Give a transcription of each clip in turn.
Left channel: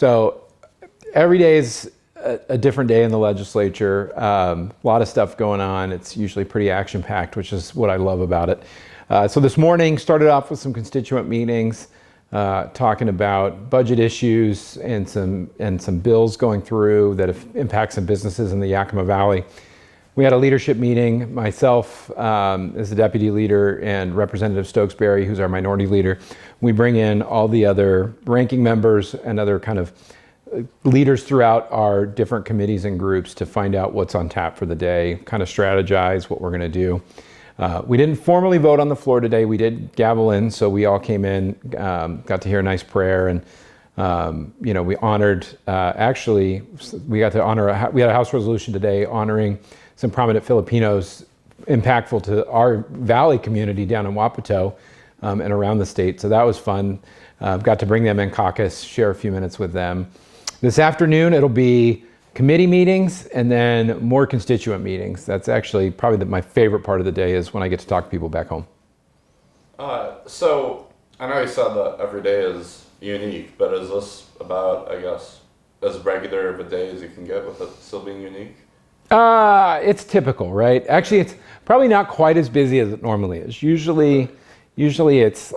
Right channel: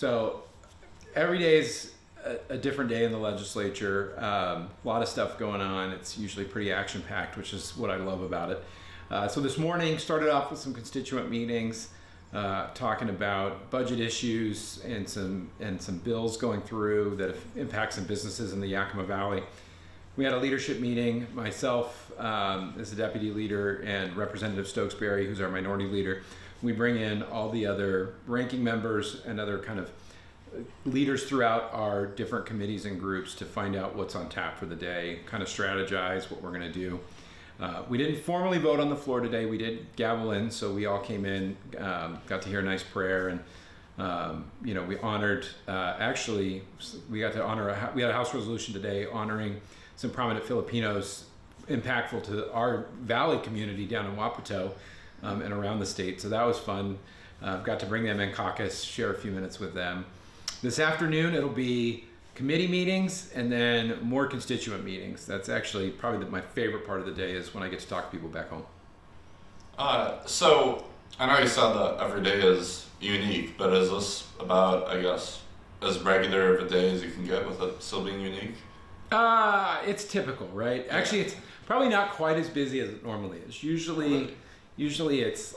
So every day is a different day in the legislature. A lot of stuff going on. It's usually pretty action-packed, which is what I love about it. So this morning started off with some constituent meetings, talking about budget issues and some bills going through that impact some businesses in the Yakima Valley. We had a leadership meeting, myself as the deputy leader and Representative Stokesbury, who's our minority leader. We bring in all the other ranking members and other kind of leaders throughout our different committees and groups to find out what's on tap for the day, kind of strategize what we're going to do. We didn't formally vote on the floor today. We did gavel in, so we all came in, got to hear a nice prayer, and we honored. Actually, we got to honor. We had a House resolution today honoring some prominent Filipinos impactful to our Valley community down in Wapato and around the state. So that was fun. Got to bring them in caucus, share a few minutes with them. This afternoon, it'll be committee meetings and then more constituent meetings. That's actually probably my favorite part of the day is when I get to talk to people back home. So I know you said that every day is unique, but is this about, I guess, as regular of a day as you can get with it still being unique? It's typical, right? Actually, it's probably not quite as busy as it normally is. Usually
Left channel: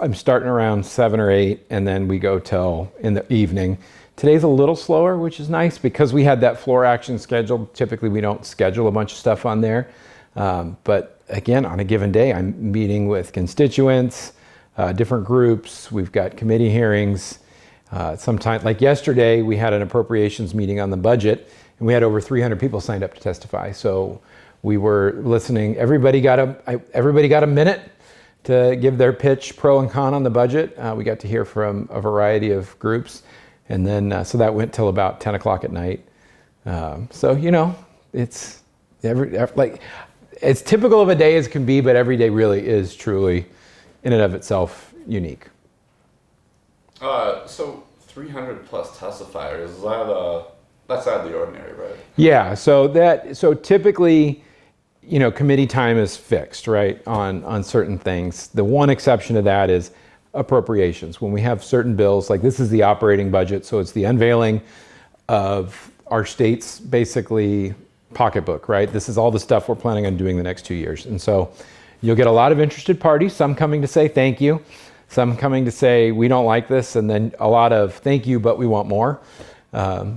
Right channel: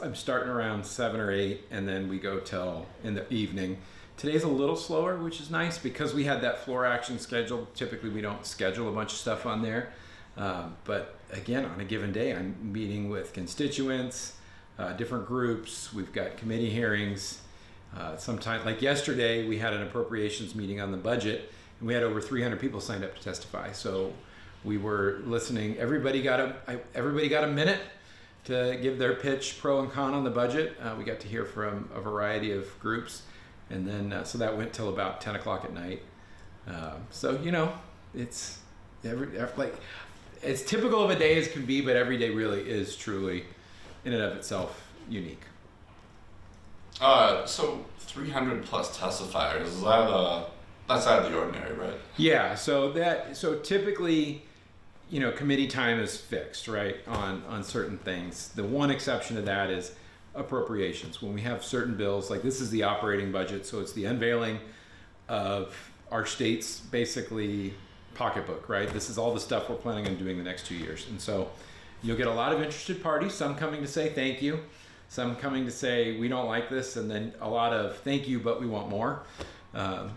I'm starting around 7 or 8 and then we go till in the evening. Today's a little slower, which is nice because we had that floor action scheduled. Typically, we don't schedule a bunch of stuff on there. But again, on a given day, I'm meeting with constituents, different groups. We've got committee hearings. Sometimes, like yesterday, we had an appropriations meeting on the budget, and we had over 300 people signed up to testify. So we were listening. Everybody got a minute to give their pitch, pro and con on the budget. We got to hear from a variety of groups. And then, so that went till about 10 o'clock at night. It's as typical of a day as can be, but every day really is truly, in and of itself, unique. So 300 plus testifiers, that's out of the ordinary, right? Yeah. So typically, committee time is fixed, right, on certain things. The one exception to that is appropriations. When we have certain bills, like this is the operating budget, so it's the unveiling of our state's basically pocketbook, right? This is all the stuff we're planning on doing the next 2 years. And so you'll get a lot of interested parties, some coming to say thank you, some coming to say we don't like this, and then a lot of thank you, but we want more.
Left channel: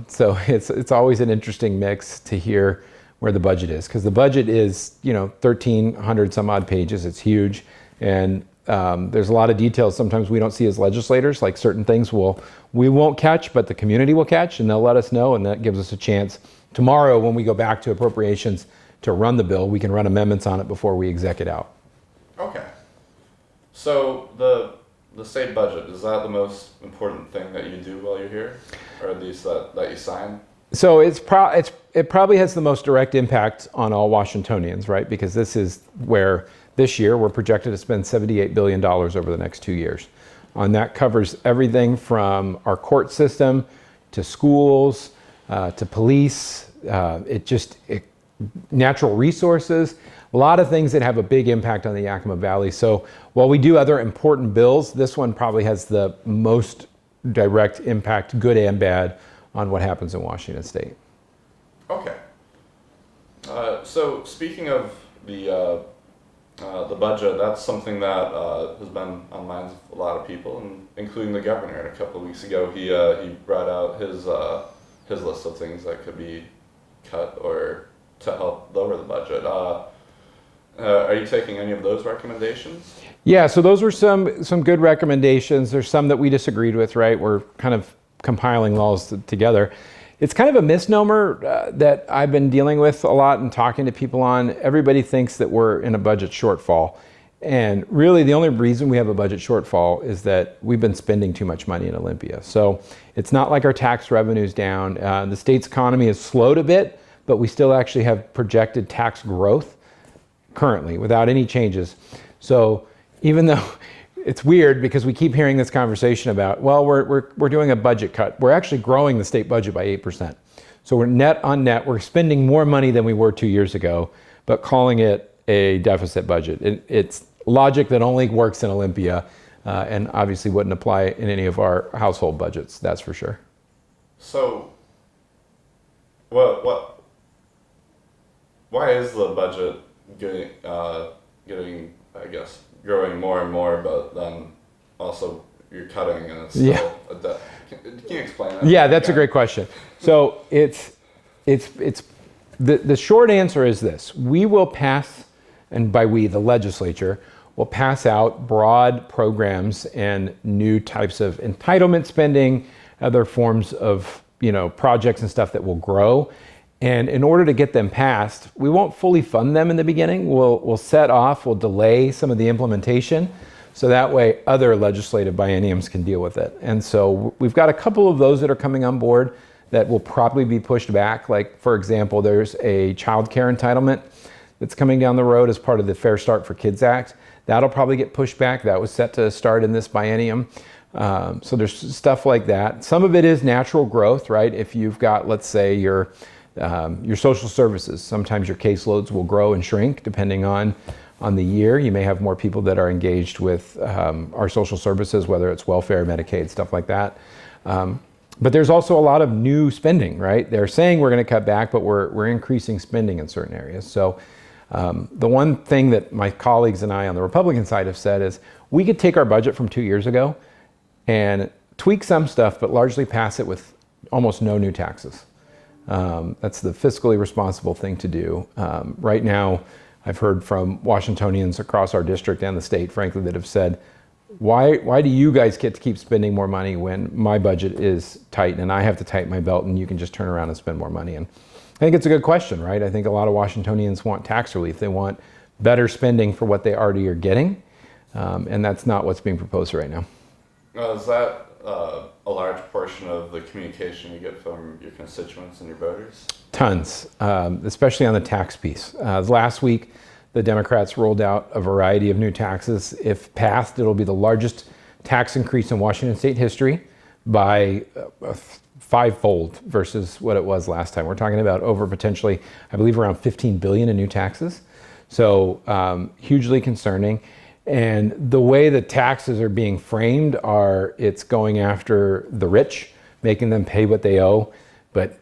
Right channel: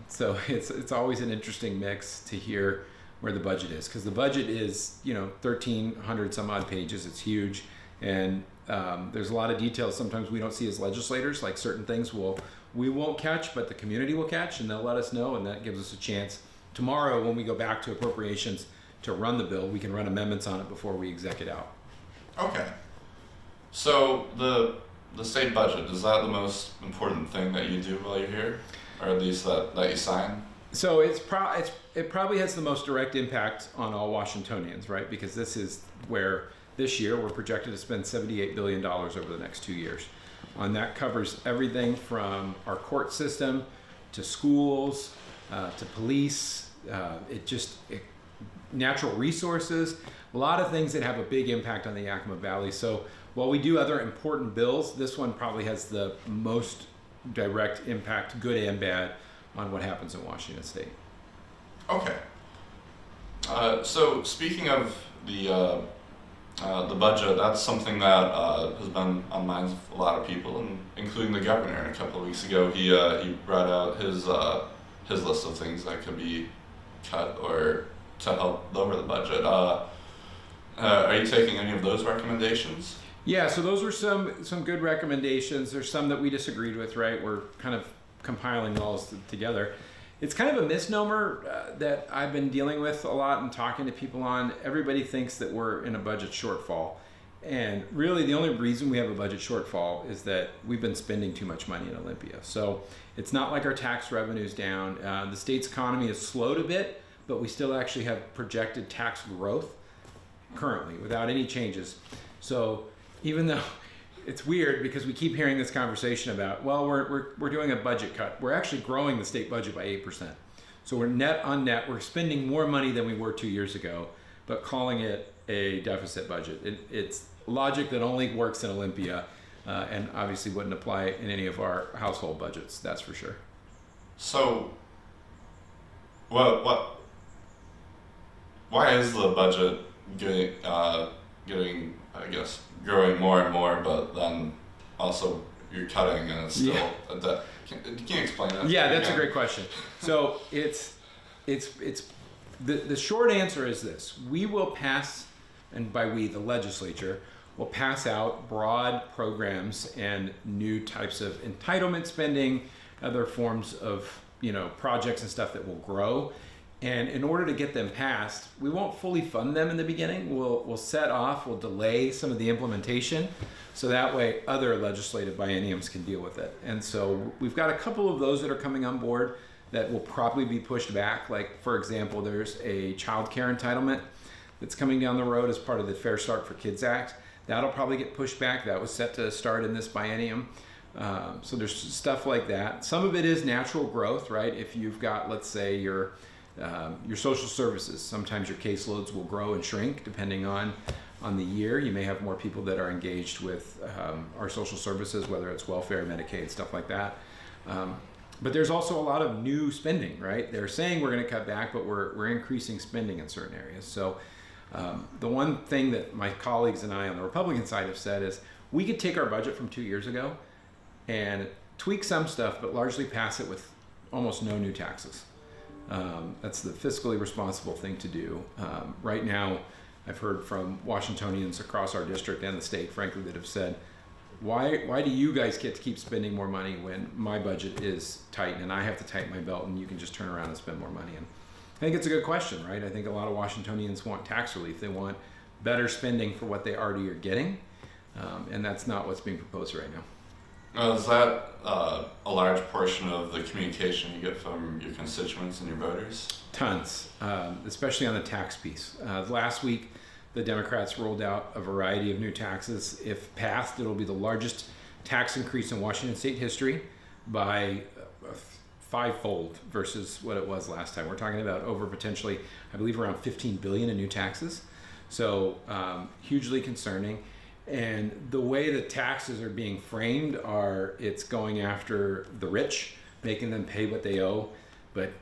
So it's always an interesting mix to hear where the budget is, because the budget is 1,300 some odd pages. It's huge, and there's a lot of details sometimes we don't see as legislators, like certain things we won't catch, but the community will catch, and they'll let us know, and that gives us a chance tomorrow when we go back to appropriations to run the bill. We can run amendments on it before we exec it out. Okay. So the state budget, is that the most important thing that you do while you're here, or at least that you sign? So it probably has the most direct impact on all Washingtonians, right? Because this is where this year we're projected to spend $78 billion over the next 2 years. And that covers everything from our court system to schools, to police, natural resources, a lot of things that have a big impact on the Yakima Valley. So while we do other important bills, this one probably has the most direct impact, good and bad, on what happens in Washington State. Okay. So speaking of the budget, that's something that has been on the minds of a lot of people, including the governor. And a couple of weeks ago, he brought out his list of things that could be cut or to help lower the budget. Are you taking any of those recommendations? Yeah, so those were some good recommendations. There's some that we disagreed with, right? We're kind of compiling laws together. It's kind of a misnomer that I've been dealing with a lot and talking to people on. Everybody thinks that we're in a budget shortfall. And really the only reason we have a budget shortfall is that we've been spending too much money in Olympia. So it's not like our tax revenue's down. The state's economy has slowed a bit, but we still actually have projected tax growth currently without any changes. So even though it's weird because we keep hearing this conversation about, well, we're doing a budget cut. We're actually growing the state budget by 8%. So we're net on net, we're spending more money than we were 2 years ago, but calling it a deficit budget. It's logic that only works in Olympia and obviously wouldn't apply in any of our household budgets, that's for sure. So, what, why is the budget getting, I guess, growing more and more, but then also you're cutting and it's still a debt? Can you explain that? Yeah, that's a great question. So it's the short answer is this: we will pass, and by we, the legislature, will pass out broad programs and new types of entitlement spending, other forms of projects and stuff that will grow. And in order to get them passed, we won't fully fund them in the beginning. We'll we'll delay some of the implementation, so that way other legislative bienniums can deal with it. And so we've got a couple of those that are coming on board that will probably be pushed back. Like, for example, there's a child care entitlement that's coming down the road as part of the Fair Start for Kids Act. That'll probably get pushed back. That was set to start in this biennium. So there's stuff like that. Some of it is natural growth, right? If you've got, let's say, your social services, sometimes your caseloads will grow and shrink depending on the year. You may have more people that are engaged with our social services, whether it's welfare, Medicaid, stuff like that. But there's also a lot of new spending, right? They're saying we're going to cut back, but we're increasing spending in certain areas. So the one thing that my colleagues and I on the Republican side have said is we could take our budget from 2 years ago and tweak some stuff, but largely pass it with almost no new taxes. That's the fiscally responsible thing to do. Right now, I've heard from Washingtonians across our district and the state, frankly, that have said, why do you guys get to keep spending more money when my budget is tight and I have to tighten my belt and you can just turn around and spend more money? And I think it's a good question, right? I think a lot of Washingtonians want tax relief. They want better spending for what they already are getting. And that's not what's being proposed right now. Now, is that a large portion of the communication you get from your constituents and your voters? Tons, especially on the tax piece. Last week, the Democrats rolled out a variety of new taxes. If passed, it'll be the largest tax increase in Washington state history by fivefold versus what it was last time. We're talking about over potentially, I believe, around $15 billion in new taxes. So hugely concerning. And the way the taxes are being framed it's going after the rich, making them pay what they owe, but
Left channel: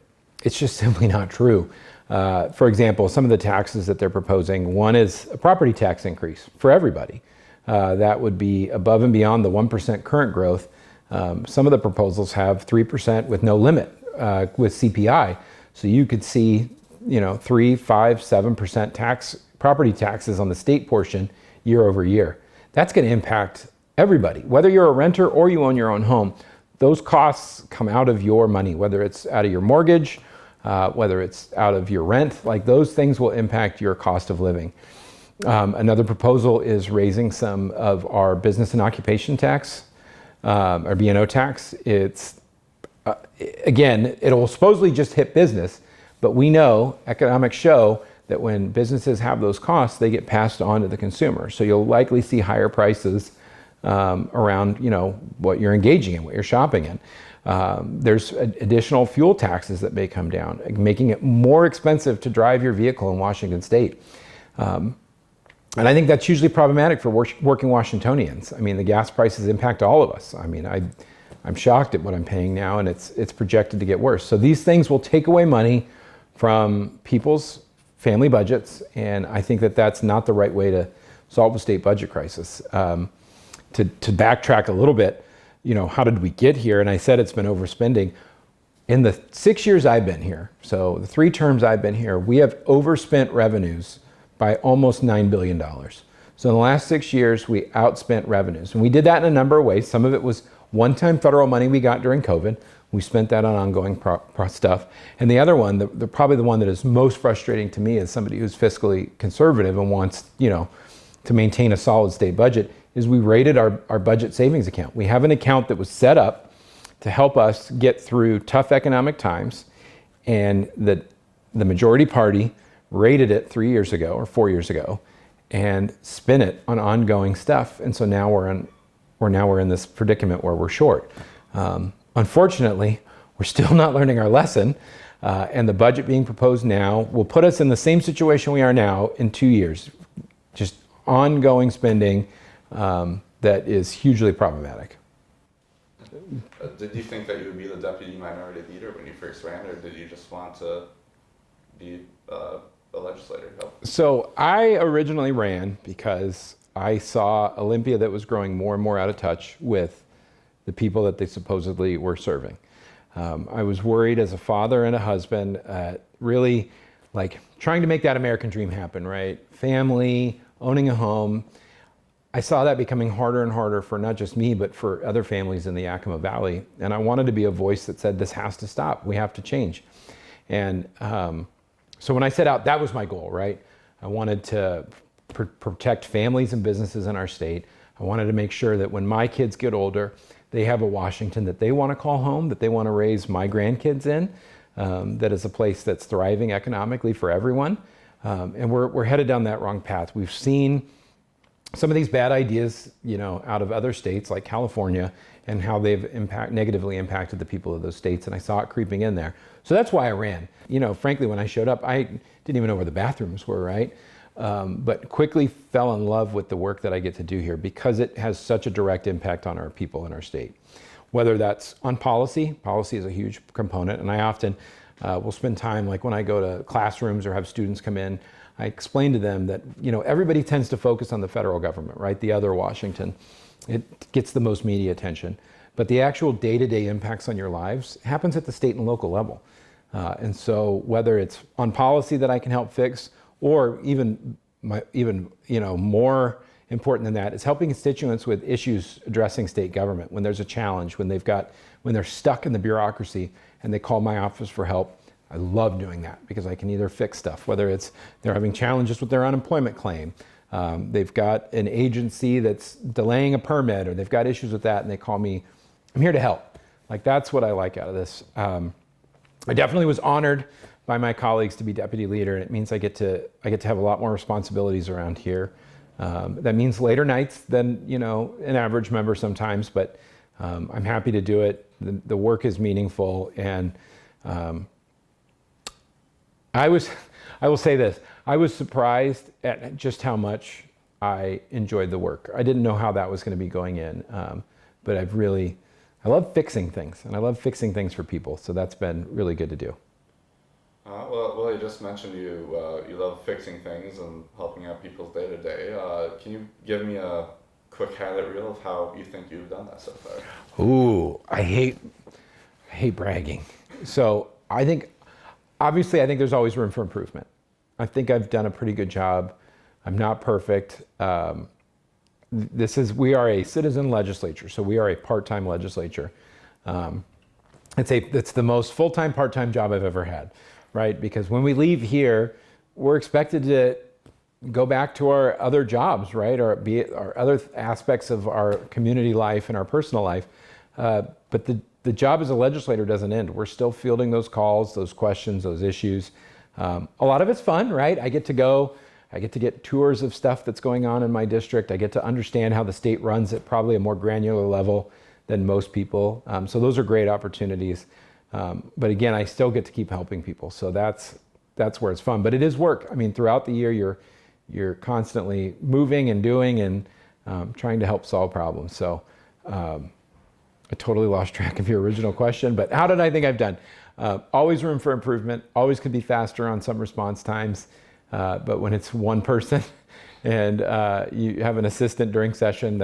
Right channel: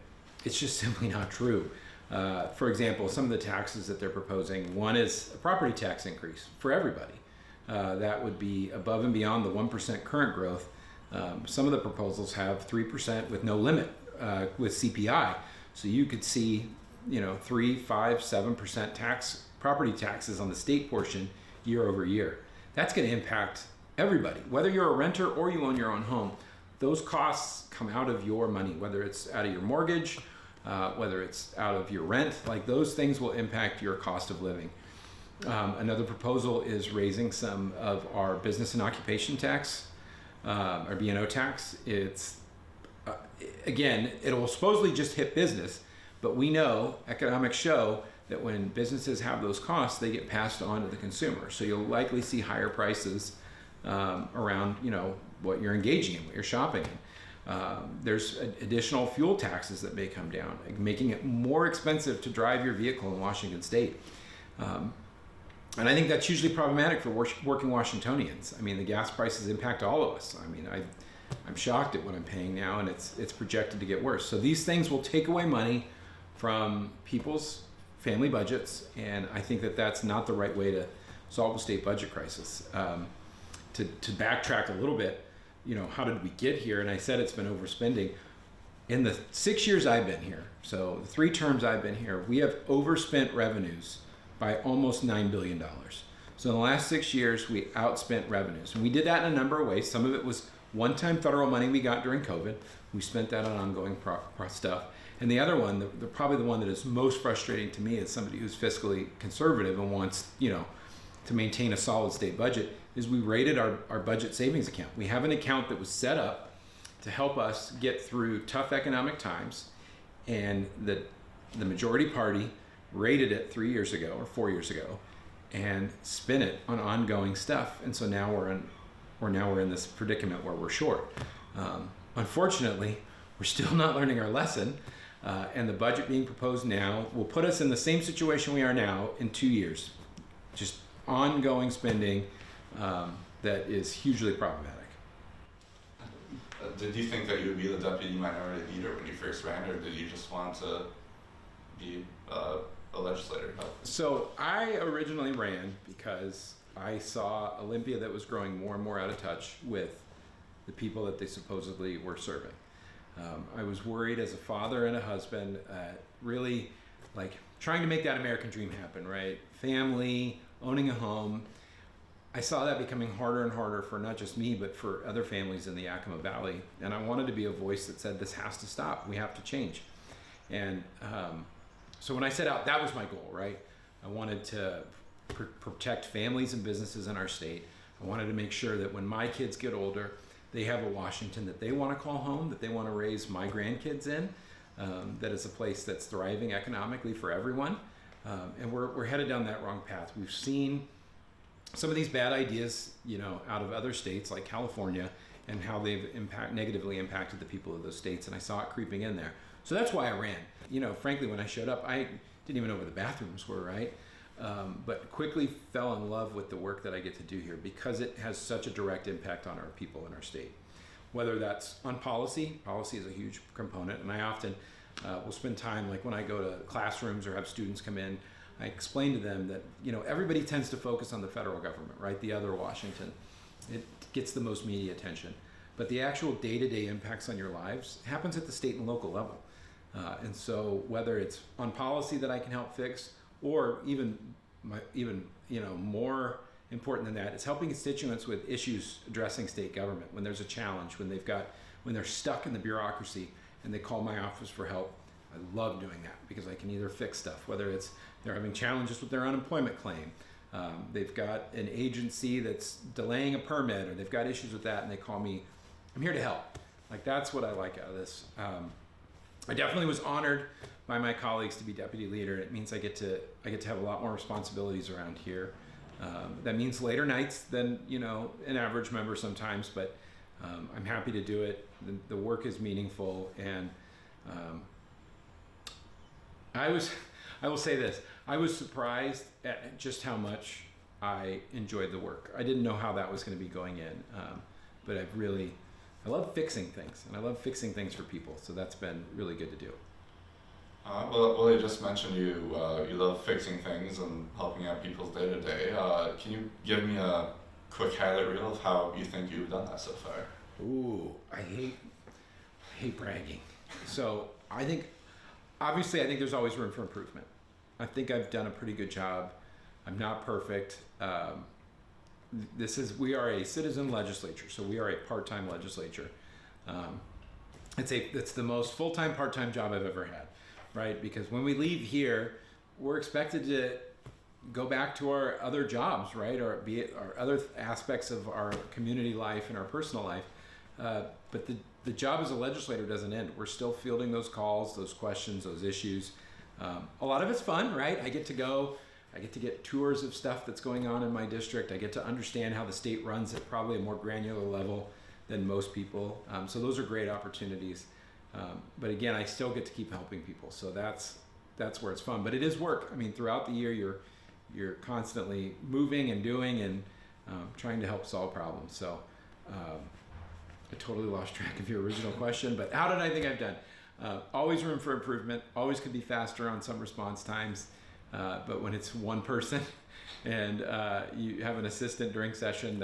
it's just simply not true. For example, some of the taxes that they're proposing, one is a property tax increase for everybody. That would be above and beyond the 1% current growth. Some of the proposals have 3% with no limit with CPI. So you could see, 3, 5, 7% property taxes on the state portion year over year. That's going to impact everybody, whether you're a renter or you own your own home. Those costs come out of your money, whether it's out of your mortgage, whether it's out of your rent. Like, those things will impact your cost of living. Another proposal is raising some of our business and occupation tax, or B&O tax. It's again, it'll supposedly just hit business, but we know, economics show, that when businesses have those costs, they get passed on to the consumer. So you'll likely see higher prices around what you're engaging in, what you're shopping in. There's additional fuel taxes that may come down, making it more expensive to drive your vehicle in Washington state. And I think that's hugely problematic for working Washingtonians. I mean, the gas prices impact all of us. I mean, I'm shocked at what I'm paying now, and it's projected to get worse. So these things will take away money from people's family budgets, and I think that that's not the right way to solve the state budget crisis. To backtrack a little bit, how did we get here? And I said it's been overspending. In the 6 years I've been here, so the 3 terms I've been here, we have overspent revenues by almost $9 billion. So in the last 6 years, we outspent revenues. And we did that in a number of ways. Some of it was one-time federal money we got during COVID. We spent that on ongoing stuff. And the other one, probably the one that is most frustrating to me as somebody who's fiscally conservative and wants, to maintain a solid state budget, is we raided our budget savings account. We have an account that was set up to help us get through tough economic times, and the majority party raided it 3 years ago or 4 years ago and spent it on ongoing stuff. And so now we're in this predicament where we're short. Unfortunately, we're still not learning our lesson, and the budget being proposed now will put us in the same situation we are now in 2 years. Just ongoing spending that is hugely problematic. did you think that you would be the deputy minority leader when you first ran, or did you just want to be a legislator? So I originally ran because I saw Olympia that was growing more and more out of touch with the people that they supposedly were serving. I was worried as a father and a husband, really like trying to make that American dream happen, right? Family, owning a home. I saw that becoming harder and harder for not just me, but for other families in the Yakima Valley. And I wanted to be a voice that said, this has to stop. We have to change. And so when I set out, that was my goal, right? I wanted to protect families and businesses in our state. I wanted to make sure that when my kids get older, they have a Washington that they want to call home, that they want to raise my grandkids in, that is a place that's thriving economically for everyone. And we're headed down that wrong path. We've seen some of these bad ideas, out of other states like California, and how they've negatively impacted the people of those states. And I saw it creeping in there. So that's why I ran. Frankly, when I showed up, I didn't even know where the bathrooms were, right? But quickly fell in love with the work that I get to do here because it has such a direct impact on our people in our state. Whether that's on policy is a huge component. And I often will spend time, like when I go to classrooms or have students come in, I explain to them that, everybody tends to focus on the federal government, right? The other Washington. It gets the most media attention. But the actual day-to-day impacts on your lives happens at the state and local level. And so whether it's on policy that I can help fix, or even more important than that, is helping constituents with issues addressing state government. When there's a challenge, when they're stuck in the bureaucracy and they call my office for help, I love doing that because I can either fix stuff, whether it's they're having challenges with their unemployment claim, they've got an agency that's delaying a permit, or they've got issues with that, and they call me. I'm here to help. Like, that's what I like out of this. I definitely was honored by my colleagues to be deputy leader, and it means I get to have a lot more responsibilities around here. That means later nights than an average member sometimes, but I'm happy to do it. The work is meaningful, and I will say this, I was surprised at just how much I enjoyed the work. I didn't know how that was going to be going in, but I love fixing things, and I love fixing things for people, so that's been really good to do. Well, I just mentioned you love fixing things and helping out people's day-to-day. Can you give me a quick highlight reel of how you think you've done that so far? Ooh, I hate bragging. So obviously I think there's always room for improvement. I think I've done a pretty good job. I'm not perfect. We are a citizen legislature, so we are a part-time legislature. It's the most full-time, part-time job I've ever had, right? Because when we leave here, we're expected to go back to our other jobs, right? Or be it our other aspects of our community life and our personal life. But the job as a legislator doesn't end. We're still fielding those calls, those questions, those issues. A lot of it's fun, right? I get to get tours of stuff that's going on in my district. I get to understand how the state runs at probably a more granular level than most people. So those are great opportunities. But again, I still get to keep helping people. So that's where it's fun. But it is work. I mean, throughout the year, you're constantly moving and doing and trying to help solve problems. So I totally lost track of your original question, but how did I think I've done? Always room for improvement, always could be faster on some response times, but when it's one person and you have an assistant during session,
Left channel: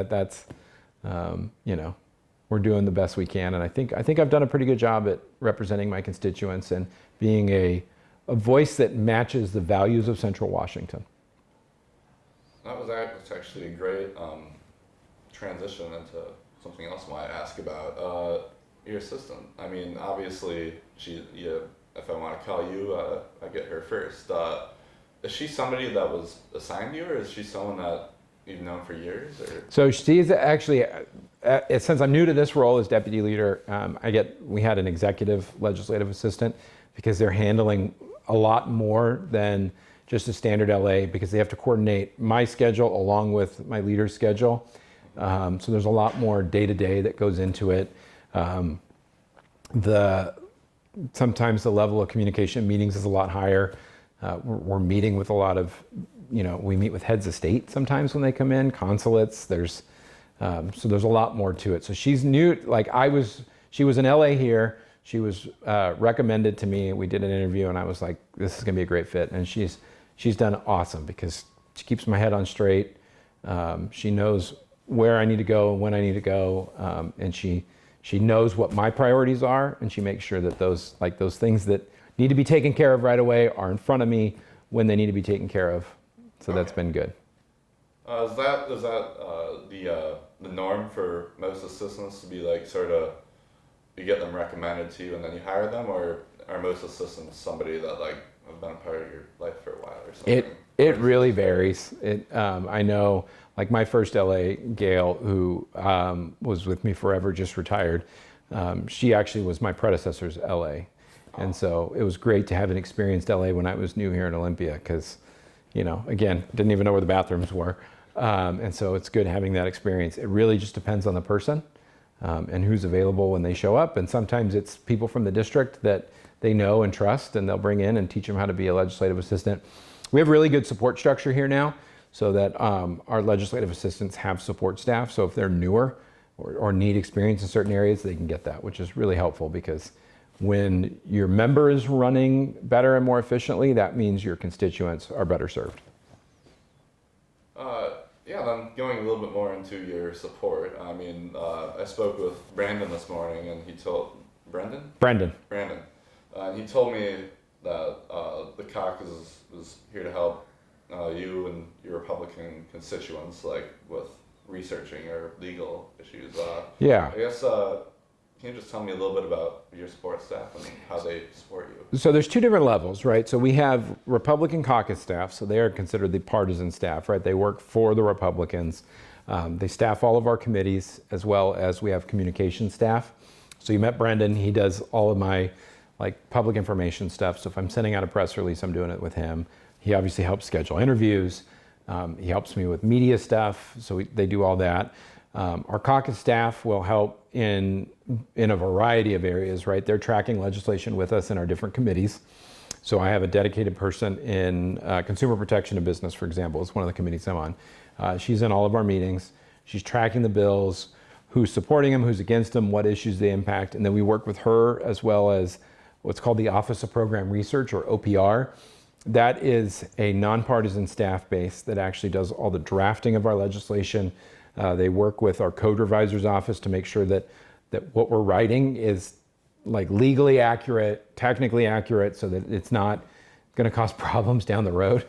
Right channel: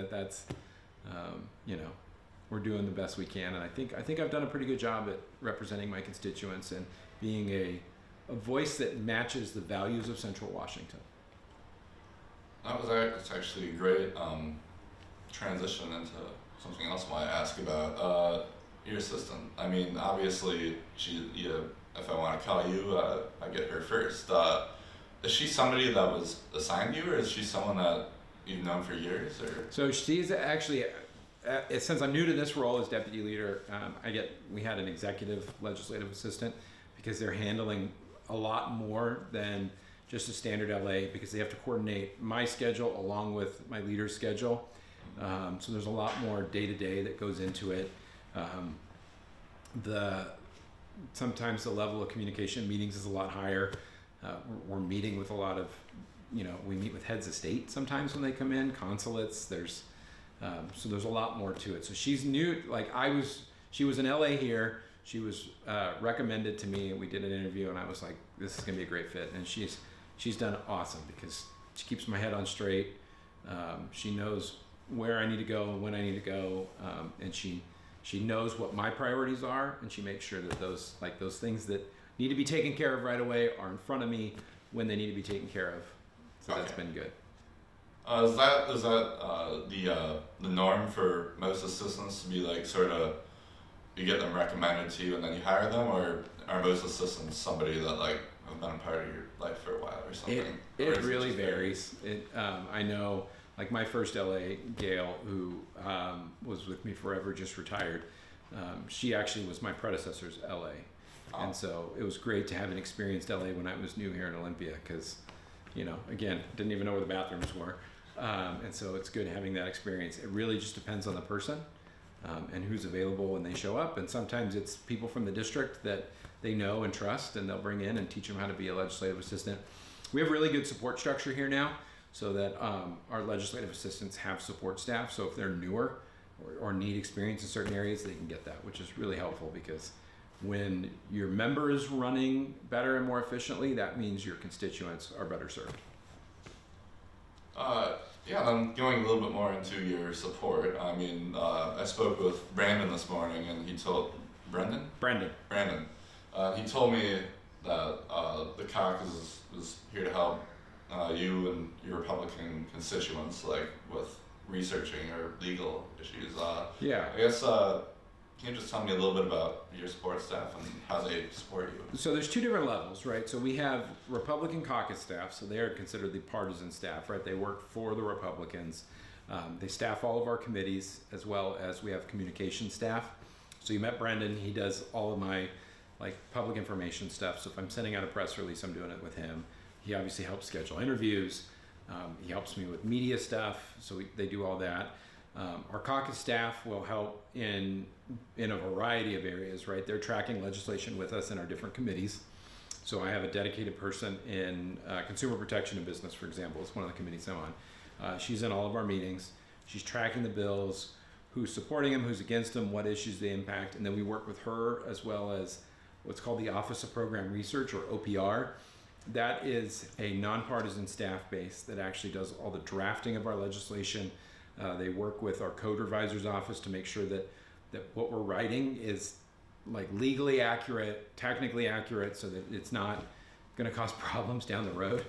we're doing the best we can. And I think I've done a pretty good job at representing my constituents and being a voice that matches the values of Central Washington. That's actually a great transition into something else I want to ask about. Your assistant. I mean, obviously, if I want to call you, I get her first. Is she somebody that was assigned you, or is she someone that you've known for years? Or? So she's actually, since I'm new to this role as deputy leader, we had an executive legislative assistant because they're handling a lot more than just a standard LA, because they have to coordinate my schedule along with my leader's schedule. So there's a lot more day-to-day that goes into it. Sometimes the level of communication meetings is a lot higher. We're meeting with a lot of, we meet with heads of state sometimes when they come in, consulates. So there's a lot more to it. So she's new. She was in LA here. She was recommended to me. We did an interview, and I was like, this is going to be a great fit. And she's done awesome because she keeps my head on straight. She knows where I need to go and when I need to go, and she knows what my priorities are, and she makes sure that those things that need to be taken care of right away are in front of me when they need to be taken care of. So that's been good. Is that the norm for most assistants to be like sort of you get them recommended to you and then you hire them, or are most assistants somebody that like have been a part of your life for a while or something? It really varies. I know, like my first LA gal who was with me forever, just retired. She actually was my predecessor's LA. And so it was great to have an experienced LA when I was new here in Olympia because, again, didn't even know where the bathrooms were. And so it's good having that experience. It really just depends on the person and who's available when they show up. And sometimes it's people from the district that they know and trust, and they'll bring in and teach them how to be a legislative assistant. We have really good support structure here now so that our legislative assistants have support staff. So if they're newer or need experience in certain areas, they can get that, which is really helpful because when your member is running better and more efficiently, that means your constituents are better served. Yeah, then going a little bit more into your support. I mean, I spoke with Brandon this morning, and he told Brendan. He told me that the caucus is here to help you and your Republican constituents, like with researching or legal issues. Yeah. I guess. Can you just tell me a little bit about your support staff and how they support you? So there's two different levels, right? So we have Republican caucus staff, so they are considered the partisan staff, right? They work for the Republicans. They staff all of our committees, as well as we have communication staff. So you met Brendan, he does all of my public information stuff. So if I'm sending out a press release, I'm doing it with him. He obviously helps schedule interviews. He helps me with media stuff, so they do all that. Our caucus staff will help in a variety of areas, right? They're tracking legislation with us in our different committees. So I have a dedicated person in consumer protection and business, for example, is one of the committees I'm on. She's in all of our meetings. She's tracking the bills, who's supporting them, who's against them, what issues they impact. And then we work with her as well as what's called the Office of Program Research, or OPR. That is a nonpartisan staff base that actually does all the drafting of our legislation. They work with our code revisor's office to make sure that what we're writing is legally accurate, technically accurate, so that it's not going to cause problems down the road.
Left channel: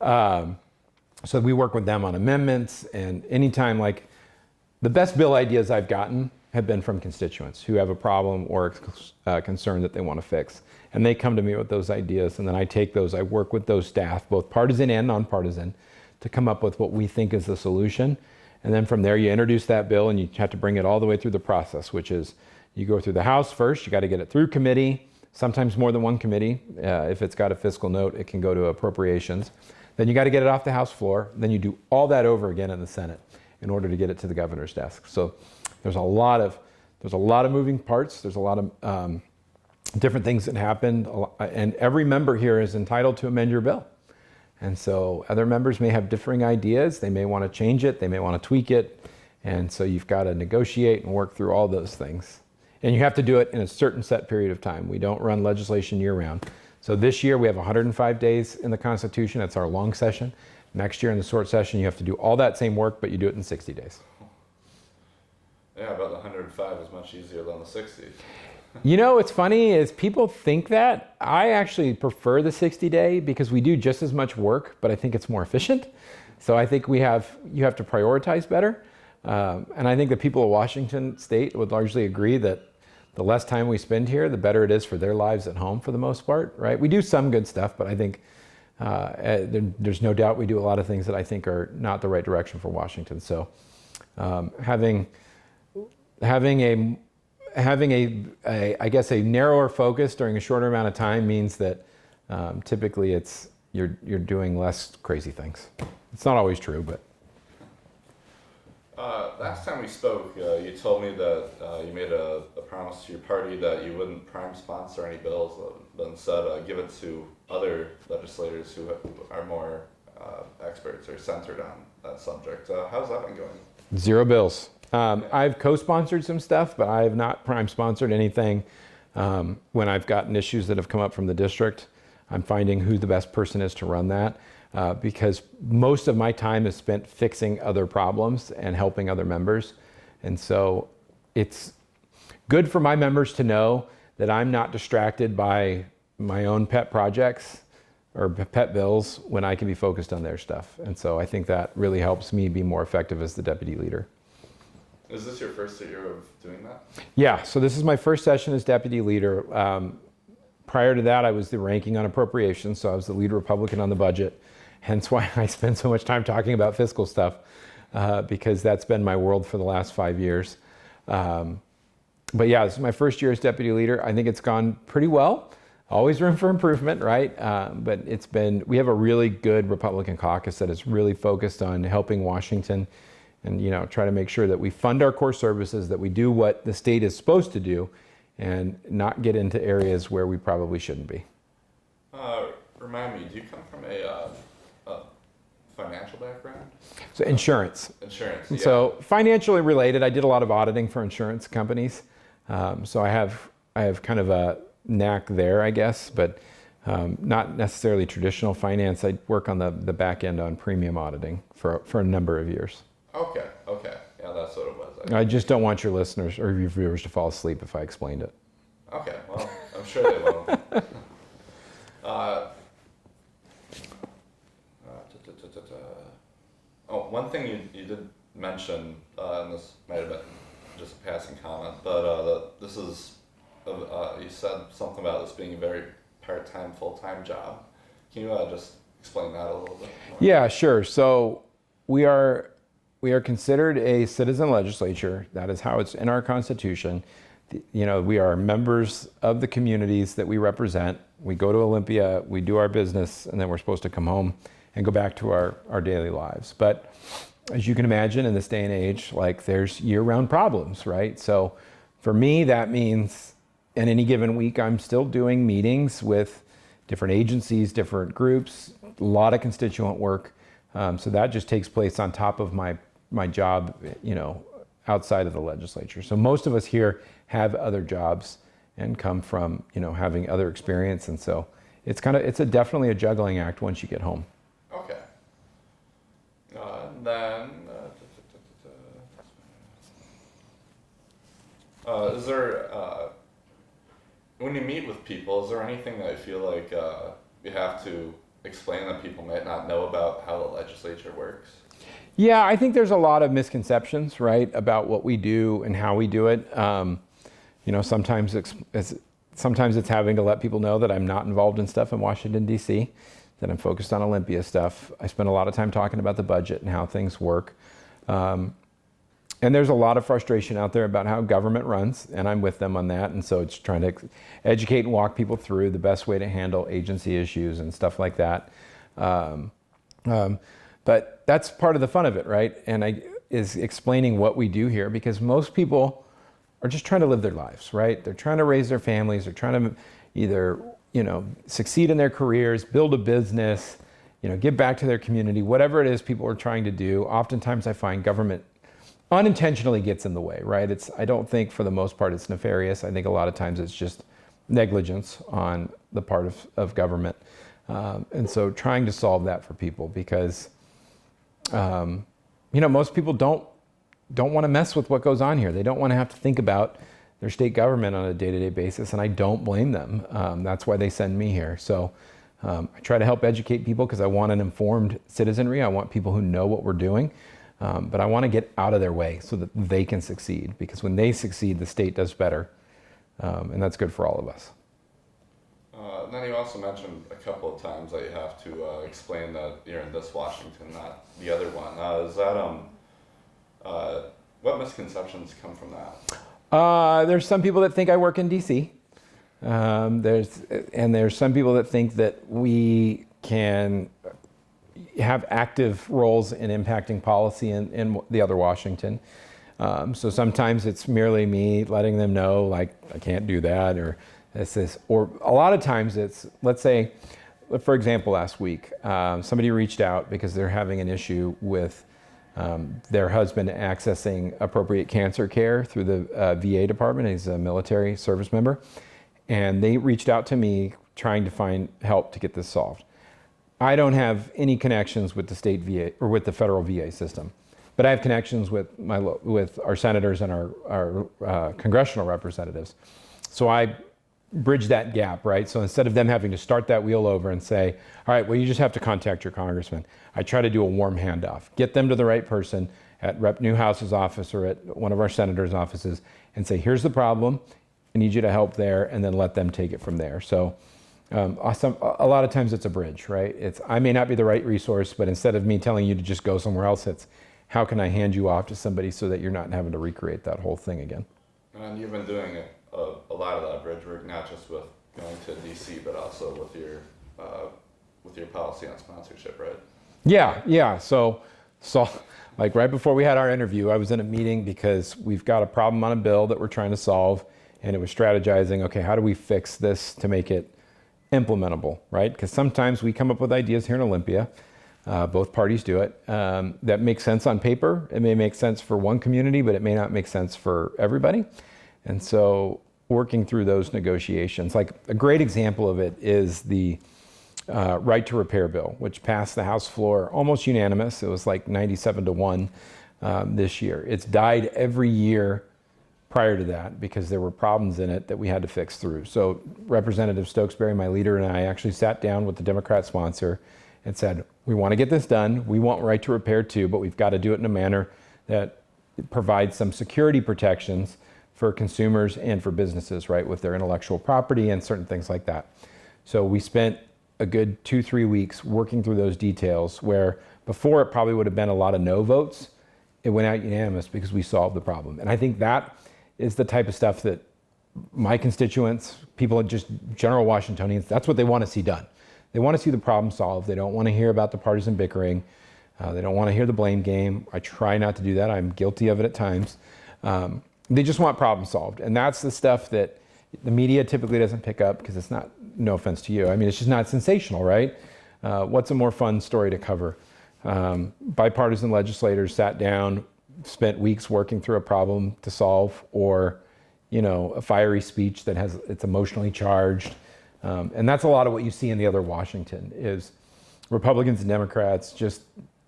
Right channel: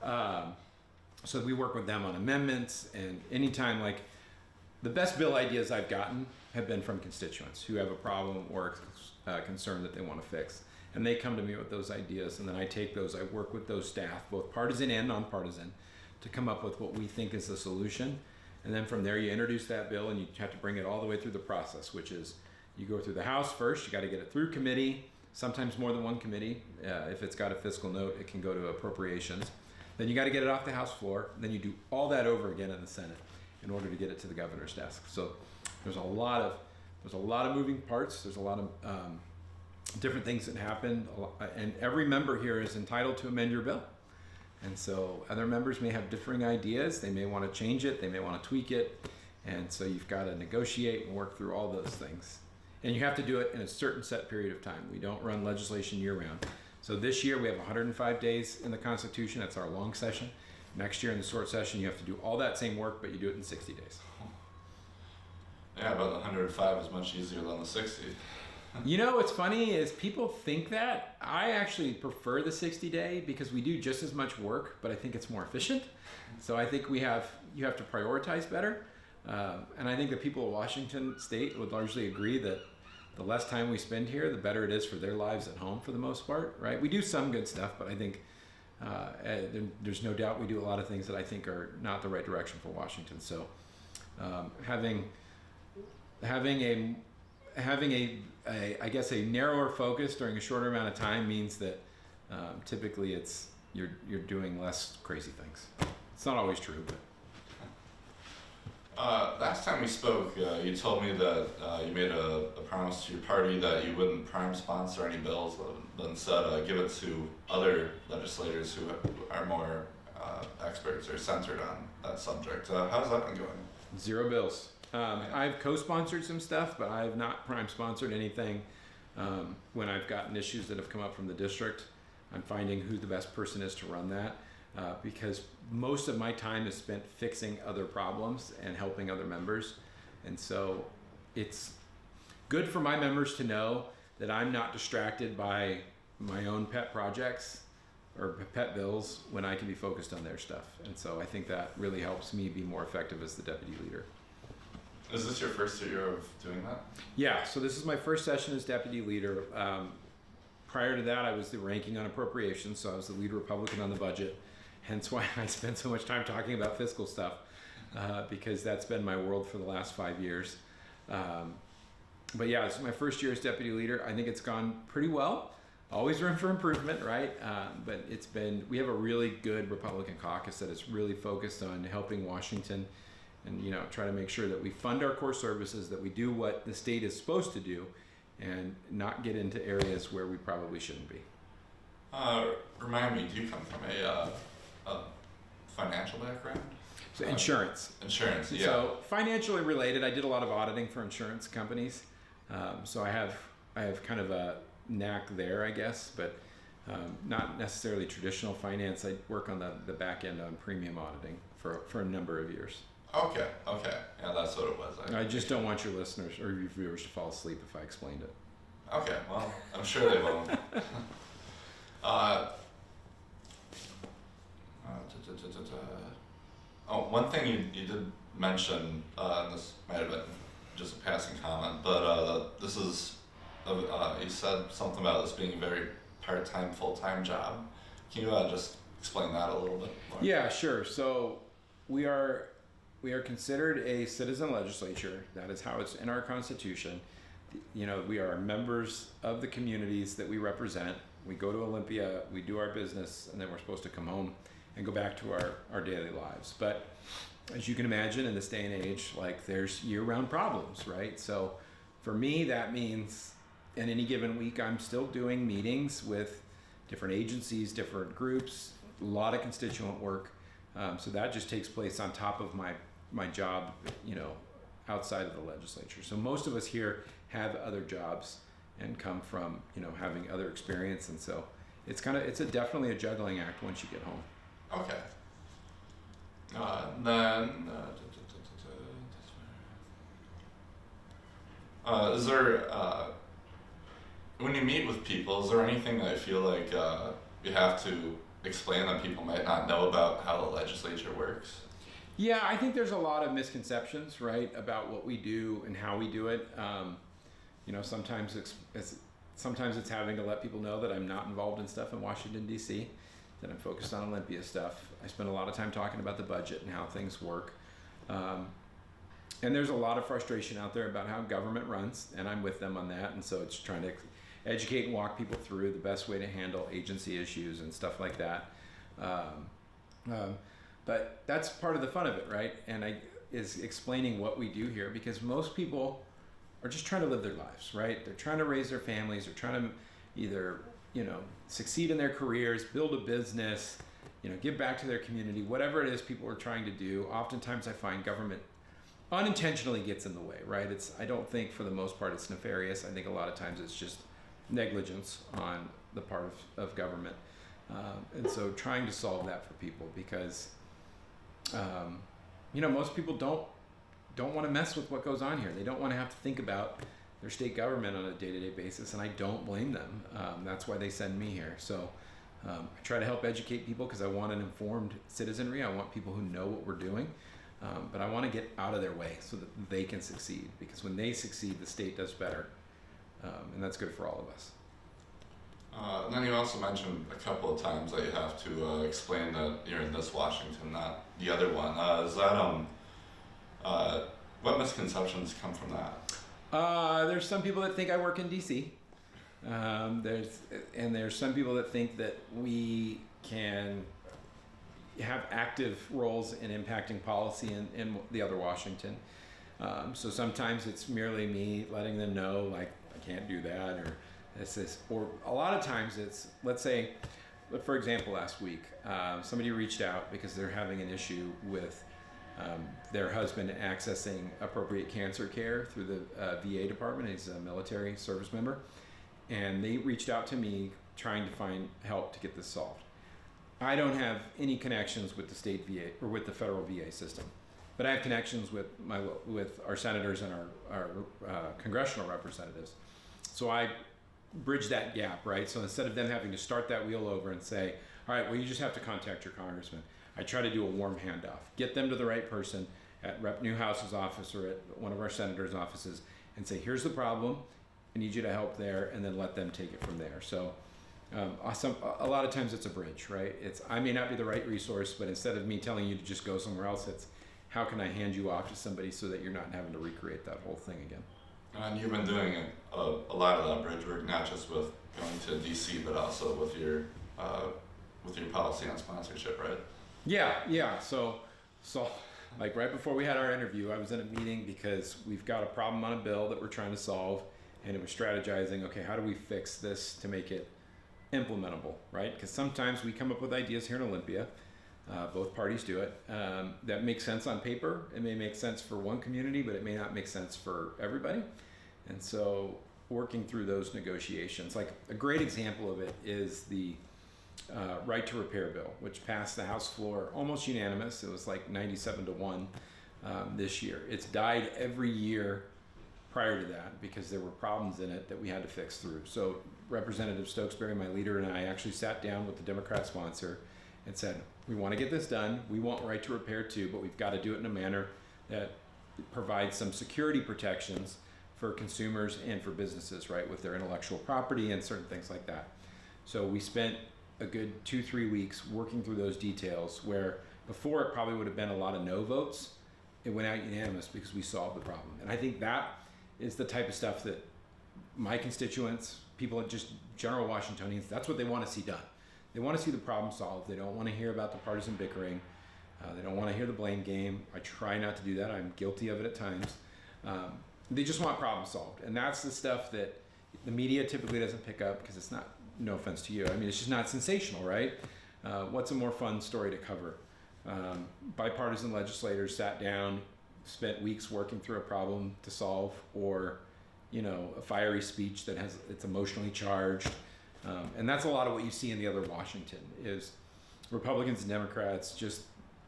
So we work with them on amendments, and anytime the best bill ideas I've gotten have been from constituents who have a problem or a concern that they want to fix. And they come to me with those ideas, and then I take those, I work with those staff, both partisan and nonpartisan, to come up with what we think is the solution. And then from there, you introduce that bill, and you have to bring it all the way through the process, which is you go through the House first, you got to get it through committee, sometimes more than one committee. If it's got a fiscal note, it can go to appropriations. Then you got to get it off the House floor. Then you do all that over again in the Senate in order to get it to the governor's desk. So there's a lot of moving parts. There's a lot of different things that happen, and every member here is entitled to amend your bill. And so other members may have differing ideas. They may want to change it. They may want to tweak it. And so you've got to negotiate and work through all those things. And you have to do it in a certain set period of time. We don't run legislation year round. So this year we have 105 days in the Constitution. That's our long session. Next year in the short session, you have to do all that same work, but you do it in 60 days. Yeah, but the 105 is much easier than the 60. What's funny is people think that. I actually prefer the 60-day because we do just as much work, but I think it's more efficient. So I think you have to prioritize better. And I think the people of Washington State would largely agree that the less time we spend here, the better it is for their lives at home for the most part, right? We do some good stuff, but I think there's no doubt we do a lot of things that I think are not the right direction for Washington. So having a I guess a narrower focus during a shorter amount of time means that typically you're doing less crazy things. It's not always true, but. Last time we spoke, you told me that you made a promise to your party that you wouldn't prime sponsor any bills, but instead give it to other legislators who are more experts or centered on that subject. How's that been going? 0 bills. I've co-sponsored some stuff, but I have not prime sponsored anything. When I've gotten issues that have come up from the district, I'm finding who the best person is to run that, because most of my time is spent fixing other problems and helping other members. And so it's good for my members to know that I'm not distracted by my own pet projects or pet bills when I can be focused on their stuff. And so I think that really helps me be more effective as the deputy leader. Is this your first year of doing that? Yeah, so this is my first session as deputy leader. Prior to that, I was the ranking on appropriations, so I was the lead Republican on the budget. Hence why I spend so much time talking about fiscal stuff, because that's been my world for the last 5 years. But yeah, this is my first year as deputy leader. I think it's gone pretty well. Always room for improvement, right? But we have a really good Republican caucus that is really focused on helping Washington and, try to make sure that we fund our core services, that we do what the state is supposed to do, and not get into areas where we probably shouldn't be. Remind me, do you come from a financial background? So insurance. Insurance, yeah. So financially related, I did a lot of auditing for insurance companies. So I have kind of a knack there, I guess, but not necessarily traditional finance. I work on the back end on premium auditing for a number of years. Okay. Yeah, that's what it was. I just don't want your listeners or your viewers to fall asleep if I explained it. Okay, well, I'm sure they won't. One thing you did mention, and this might have been just a passing comment, but this is, you said something about this being a very part-time, full-time job. Can you just explain that a little bit more? Yeah, sure. So we are considered a citizen legislature. That is how it's in our Constitution. We are members of the communities that we represent. We go to Olympia, we do our business, and then we're supposed to come home and go back to our daily lives. But as you can imagine, in this day and age, there's year-round problems, right? So for me, that means in any given week, I'm still doing meetings with different agencies, different groups, a lot of constituent work. So that just takes place on top of my job, outside of the legislature. So most of us here have other jobs and come from, having other experience. And so it's definitely a juggling act once you get home. Okay. Is there, when you meet with people, is there anything that I feel like you have to explain that people might not know about how the legislature works? Yeah, I think there's a lot of misconceptions, right, about what we do and how we do it. Sometimes it's having to let people know that I'm not involved in stuff in Washington, D.C., that I'm focused on Olympia stuff. I spend a lot of time talking about the budget and how things work. And there's a lot of frustration out there about how government runs, and I'm with them on that. And so it's trying to educate and walk people through the best way to handle agency issues and stuff like that. But that's part of the fun of it, right? And is explaining what we do here, because most people are just trying to live their lives, right? They're trying to raise their families. They're trying to either, succeed in their careers, build a business, give back to their community, whatever it is people are trying to do. Oftentimes I find government unintentionally gets in the way, right? I don't think for the most part it's nefarious. I think a lot of times it's just negligence on the part of government. And so trying to solve that for people, because most people don't want to mess with what goes on here. They don't want to have to think about their state government on a day-to-day basis, and I don't blame them. That's why they send me here. So I try to help educate people because I want an informed citizenry. I want people who know what we're doing, but I want to get out of their way so that they can succeed, because when they succeed, the state does better, and that's good for all of us. And then you also mentioned a couple of times that you have to explain that you're in this Washington, not the other one. Is that what misconceptions come from that? There's some people that think I work in DC. There's some people that think that we can have active roles in impacting policy in the other Washington. So sometimes it's merely me letting them know, I can't do that, or or a lot of times it's, let's say, for example, last week, somebody reached out because they're having an issue with their husband accessing appropriate cancer care through the VA department. He's a military service member. And they reached out to me trying to find help to get this solved. I don't have any connections with the state VA or with the federal VA system, but I have connections with our senators and our congressional representatives. So I bridge that gap, right? So instead of them having to start that wheel over and say, all right, well, you just have to contact your congressman, I try to do a warm handoff, get them to the right person at Rep. Newhouse's office or at one of our senators' offices and say, here's the problem, I need you to help there, and then let them take it from there. So a lot of times it's a bridge, right? I may not be the right resource, but instead of me telling you to just go somewhere else, it's how can I hand you off to somebody so that you're not having to recreate that whole thing again. And you've been doing a lot of that bridge work, not just with going to DC, but also with your policy on sponsorship, right? Yeah. So like right before we had our interview, I was in a meeting because we've got a problem on a bill that we're trying to solve, and it was strategizing, okay, how do we fix this to make it implementable, right? Because sometimes we come up with ideas here in Olympia, both parties do it, that makes sense on paper. It may make sense for one community, but it may not make sense for everybody. And so working through those negotiations, like a great example of it is the right to repair bill, which passed the House floor almost unanimous. It was like 97-1 this year. It's died every year prior to that because there were problems in it that we had to fix through. So Representative Stokesbury, my leader, and I actually sat down with the Democrat sponsor and said, we want to get this done. We want right to repair too, but we've got to do it in a manner that provides some security protections for consumers and for businesses, right, with their intellectual property and certain things like that. So we spent a good 2-3 weeks working through those details where before it probably would have been a lot of no votes. It went out unanimous because we solved the problem. And I think that is the type of stuff that my constituents, people, just general Washingtonians, that's what they want to see done. They want to see the problem solved. They don't want to hear about the partisan bickering. They don't want to hear the blame game. I try not to do that. I'm guilty of it at times. They just want problems solved. And that's the stuff that the media typically doesn't pick up because it's not, no offense to you, I mean, it's just not sensational, right? What's a more fun story to cover? Bipartisan legislators sat down, spent weeks working through a problem to solve, or, you know, a fiery speech that it's emotionally charged. And that's a lot of what you see in the other Washington is Republicans and Democrats just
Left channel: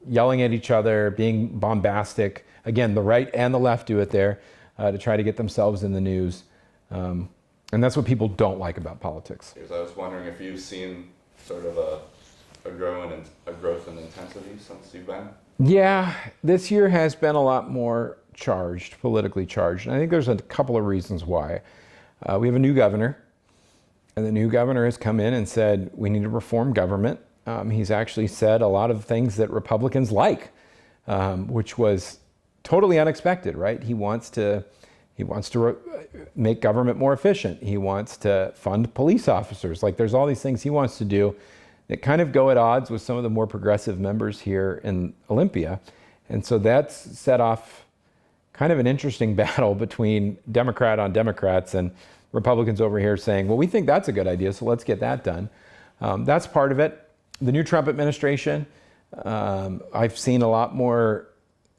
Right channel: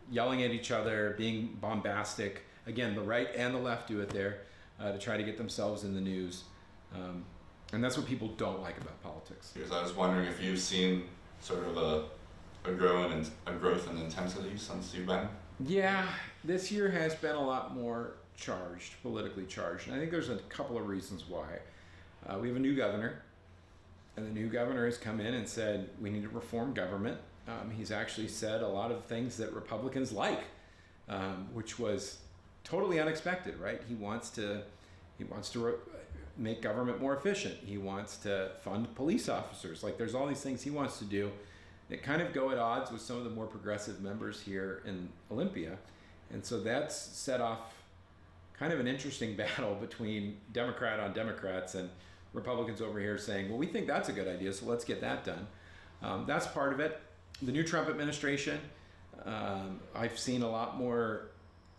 yelling at each other, being bombastic. Again, the right and the left do it there to try to get themselves in the news. And that's what people don't like about politics. I was wondering if you've seen sort of a growth in intensity since you've been? Yeah, this year has been a lot more charged, politically charged. And I think there's a couple of reasons why. We have a new governor, and the new governor has come in and said, we need to reform government. He's actually said a lot of things that Republicans like, which was totally unexpected, right? He wants to make government more efficient. He wants to fund police officers. Like, there's all these things he wants to do that kind of go at odds with some of the more progressive members here in Olympia. And so that's set off kind of an interesting battle between Democrat on Democrats and Republicans over here saying, well, we think that's a good idea, so let's get that done. That's part of it. The new Trump administration, I've seen a lot more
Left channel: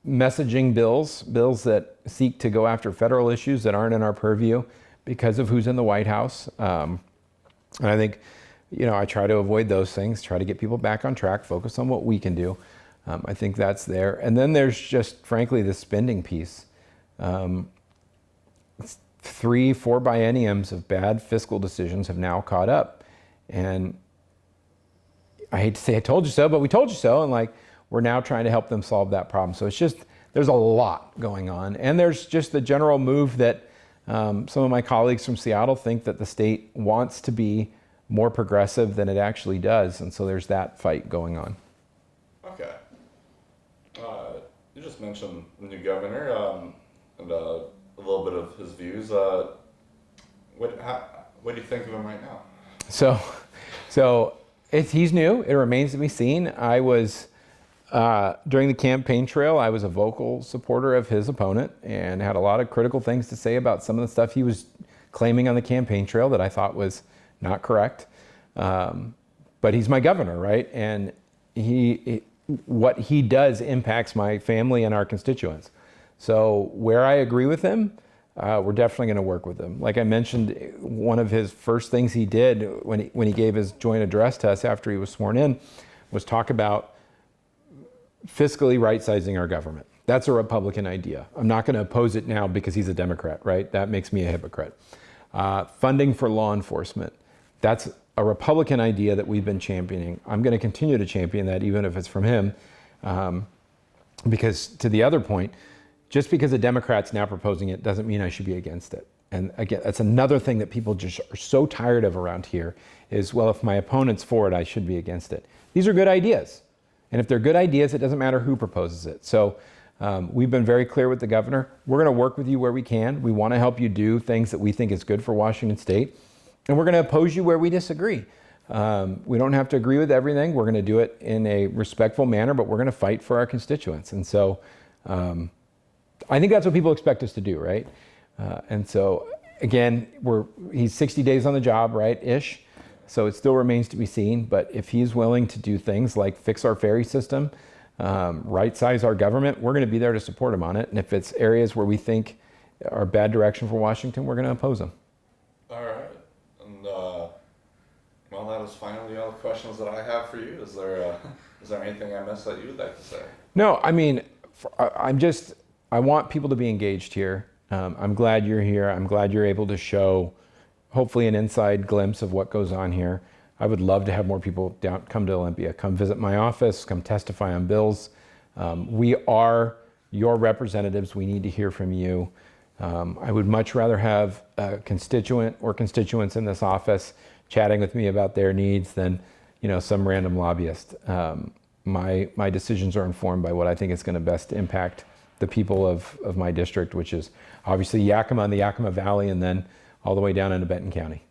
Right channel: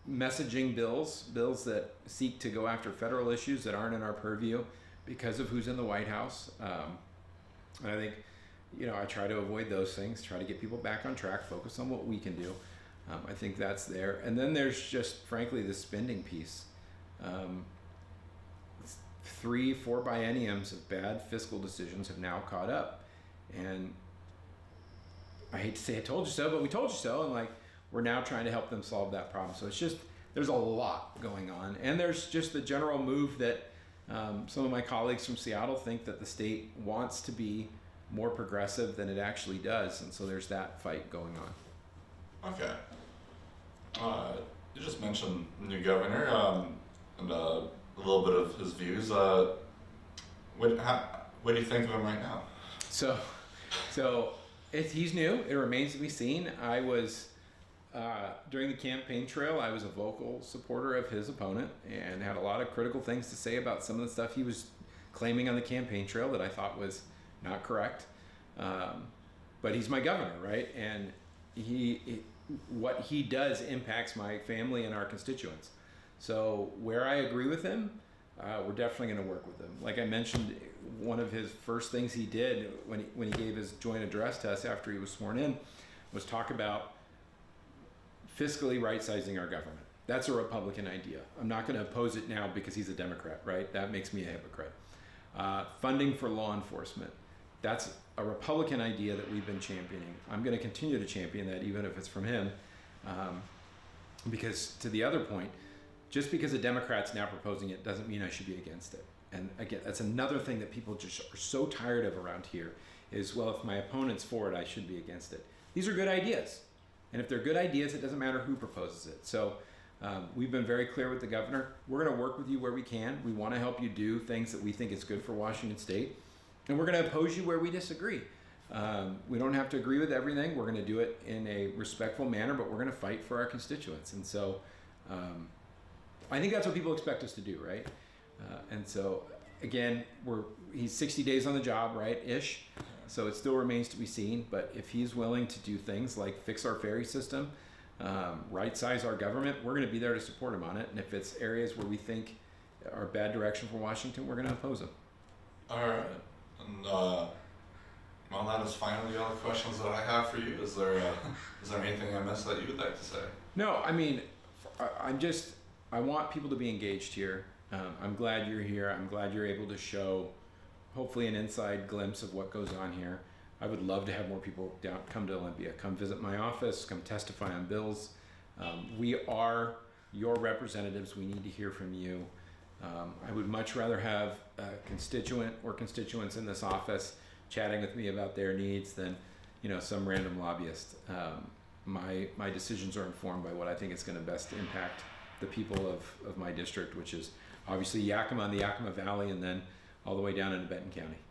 messaging bills that seek to go after federal issues that aren't in our purview because of who's in the White House. And I think, you know, I try to avoid those things, try to get people back on track, focus on what we can do. I think that's there. And then there's just, frankly, the spending piece. 3-4 bienniums of bad fiscal decisions have now caught up. And I hate to say I told you so, but we told you so. And like, we're now trying to help them solve that problem. So it's just, there's a lot going on. And there's just the general move that some of my colleagues from Seattle think that the state wants to be more progressive than it actually does. And so there's that fight going on. Okay. You just mentioned the new governor and a little bit of his views. What do you think of him right now? So he's new. It remains to be seen. I was, during the campaign trail, I was a vocal supporter of his opponent and had a lot of critical things to say about some of the stuff he was claiming on the campaign trail that I thought was not correct. But he's my governor, right? And what he does impacts my family and our constituents. So where I agree with him, we're definitely going to work with him. Like I mentioned, one of his first things he did when he gave his joint address to us after he was sworn in was talk about fiscally right-sizing our government. That's a Republican idea. I'm not going to oppose it now because he's a Democrat, right? That makes me a hypocrite. Funding for law enforcement. That's a Republican idea that we've been championing. I'm going to continue to champion that even if it's from him. Because to the other point, just because a Democrat's now proposing it doesn't mean I should be against it. And again, that's another thing that people just are so tired of around here is, well, if my opponent's for it, I should be against it. These are good ideas. And if they're good ideas, it doesn't matter who proposes it. So we've been very clear with the governor. We're going to work with you where we can. We want to help you do things that we think is good for Washington State. And we're going to oppose you where we disagree. We don't have to agree with everything. We're going to do it in a respectful manner, but we're going to fight for our constituents. And so I think that's what people expect us to do, right? And so, again, he's 60 days on the job, right, ish. So it still remains to be seen. But if he's willing to do things like fix our ferry system, right-size our government, we're going to be there to support him on it. And if it's areas where we think are bad direction for Washington, we're going to oppose him. All right. And well, that is finally all the questions that I have for you. Is there anything I missed that you would like to say? No, I mean, I want people to be engaged here. I'm glad you're here. I'm glad you're able to show, hopefully, an inside glimpse of what goes on here. I would love to have more people come to Olympia, come visit my office, come testify on bills. We are your representatives. We need to hear from you. I would much rather have a constituent or constituents in this office chatting with me about their needs than, some random lobbyist. My decisions are informed by what I think is going to best impact the people of my district, which is obviously Yakima and the Yakima Valley, and then all the way down into Benton County.